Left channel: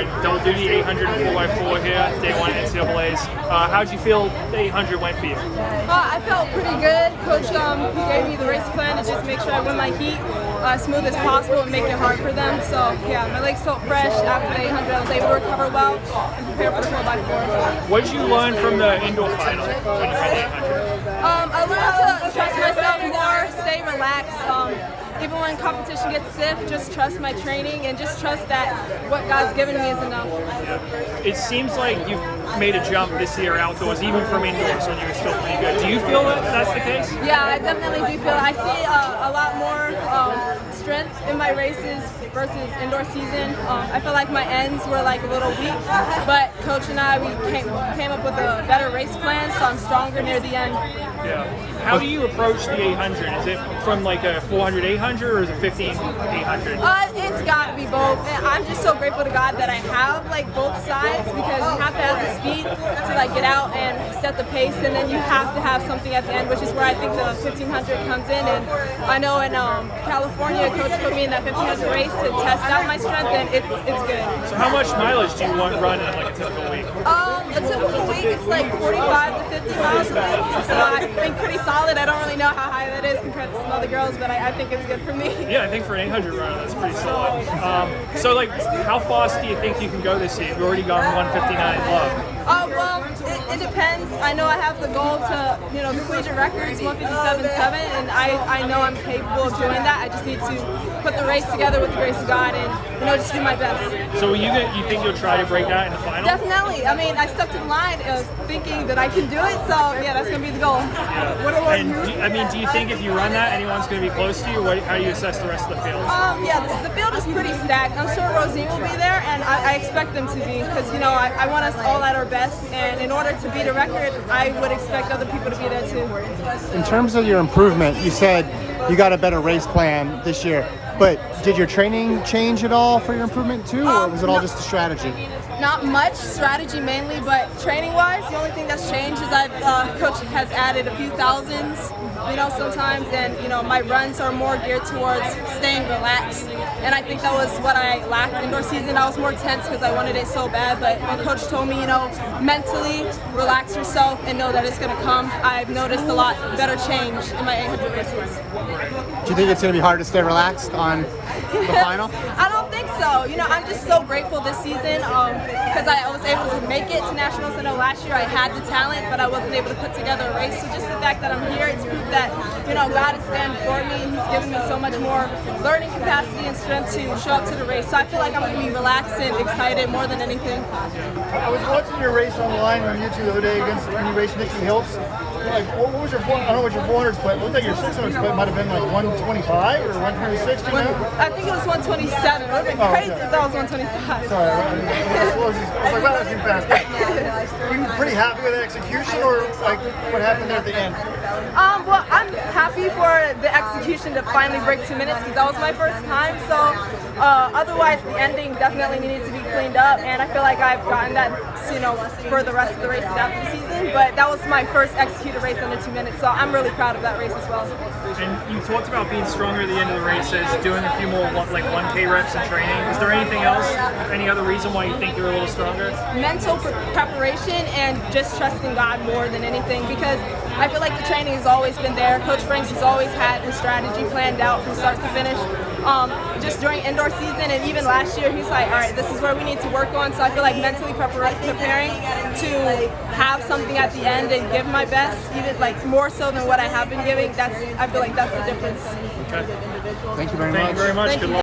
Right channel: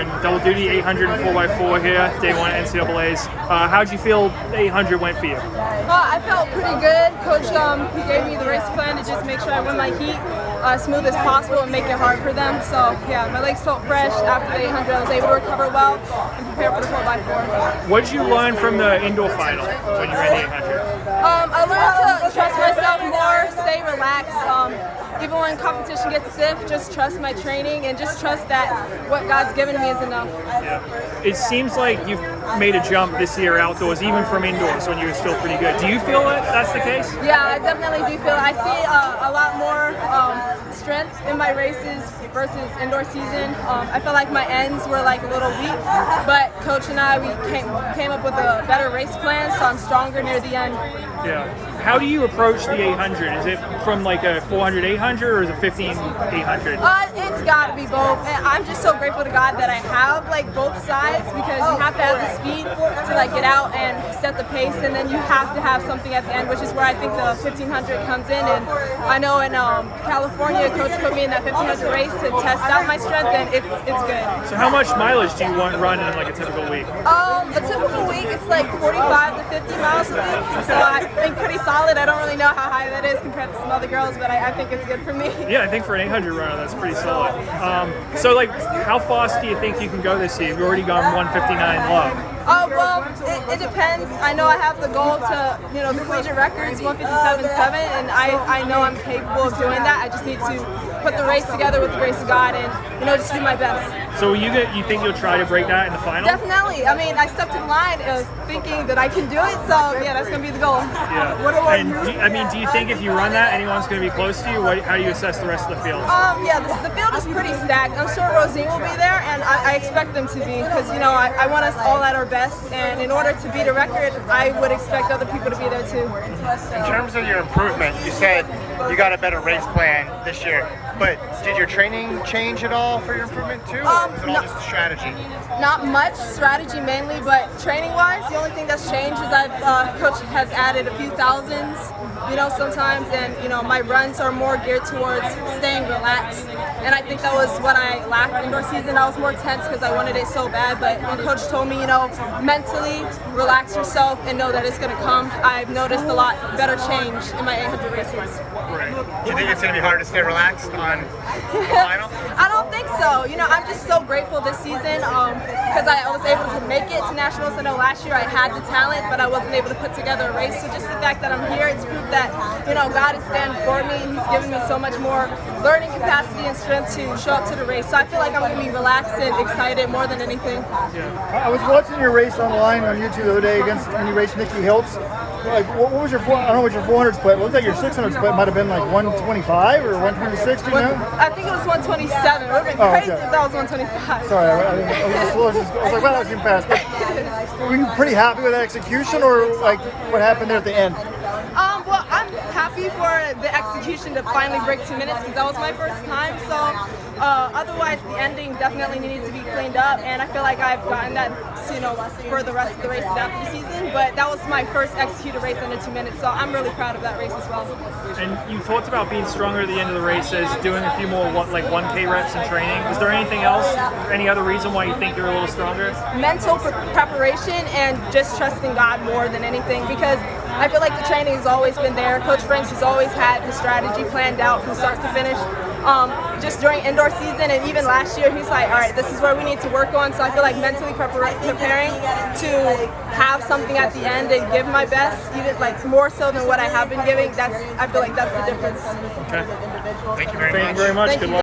and double duty 800 and 4x4 here, day one NCAAs. How'd you feel the 800 went for you? I felt pretty good. Coach, he gave me the race plan to just make sure I win my heat smooth as possible and make it hard for them. So yeah, my legs felt fresh after the 800. I was able to recover well and prepare for the 4x4. What did you learn from the indoor final when you ran the 800? I learned to trust myself more, stay relaxed. Even when competition gets stiff, just trust my training and just trust that what God's given me is enough. Yeah. It seems like you've made a jump this year outdoors, even from indoors when you were still pretty good. Do you feel that that's the case? Yeah, I definitely do feel it. I see a lot more strength in my races versus indoor season. I feel like my ends were like a little weak, but Coach and I, we came up with a better race plan, so I'm stronger near the end. Yeah. How do you approach the 800? Is it from like a 400 800 or is it 15 800? It's got to be both. And I'm just so grateful to God that I have like both sides, because you have to have the speed to like get out and set the pace, and then you have to have something at the end, which is where I think the 1500 comes in. And I know in California, Coach put me in that 1500 race to test out my strength, and it's good. So how much mileage do you want to run in like a typical week? A typical week is like 45 to 50 miles a week, so I think pretty solid. I don't really know how high that is compared to some other girls, but I think it's good for me. Yeah, I think for an 800 run, that's pretty solid. So like, how fast do you think you can go this year? You've already gone 159 low. Well, it depends. I know I have the goal to, the collegiate record's 157.7, and I know I'm capable of doing that. I just need to put the race together with the grace of God and, just do my best. So you think you'll try to break that in the final? Definitely. I mean, I stepped to the line thinking that I can do it, so yeah, that's going to be the goal. Yeah. What about you? Do you think if you run that, anyone's going to be close to you? How do you assess the rest of the field? Yeah, the field is pretty stacked. I'm sure Rosine will be there, and I expect them to be, because, I want us all at our best, and in order to beat a record, I would expect other people to be there too. In terms of your improvement, you said you got a better race plan this year, but did your training change at all for your improvement too, or was it all just a strategy? Not much, strategy mainly, but training-wise, the only thing that's changed is Coach has added a few thousands, sometimes, and, my runs are more geared towards staying relaxed, and I think that was what I lacked indoor season. I was more tense because I wanted it so bad, but when Coach told me, mentally relax yourself and know that it's going to come, I've noticed a lot better change in my 800 races. Do you think it's going to be hard to stay relaxed on the final? I don't think so. I'm just so grateful this season because I was able to make it to nationals. I know last year I had the talent, but I wasn't able to put together a race. So just the fact that I'm here, it's proof that, God is standing for me. He's given me so much more learning capacity and strength to show up to the race. So I feel like I'm going to be relaxed and excited more than anything. I was watching your race on the line on YouTube the other day against when you raced Nikki Hiltz. Like, what was your, I don't know what your 400 split, it looked like your 600 split might have been like 125 or 160. I think it was 127. It would have been crazy if that was 125. Sorry, I was too fast. Were you pretty happy with the execution, or like what happened there at the end? Well, I'm happy for the execution to finally break 2 minutes, because that was my first time. So otherwise, the ending definitely needs to be cleaned up, and I feel like I've gotten that, for the rest of the races after the season. But that was my first executed race under 2 minutes, so I'm really proud of that race as well. And you talked about being stronger at the end of the races, doing a few more like 1K reps in training. Is there anything else? Any other reason why you think you're a little stronger? Mental preparation and just trusting God more than anything, because I feel like the training has always been there. Coach Franks has always had the strategy planned out from start to finish. Just during indoor season and even last year, he's like, all right, this is where we need to work on. So I feel like mentally preparing to have something at the end and give my best, even like more so than what I have been giving, I feel like that's the difference. Okay. Thank you very much. Thank you very much. Thank Good you. luck.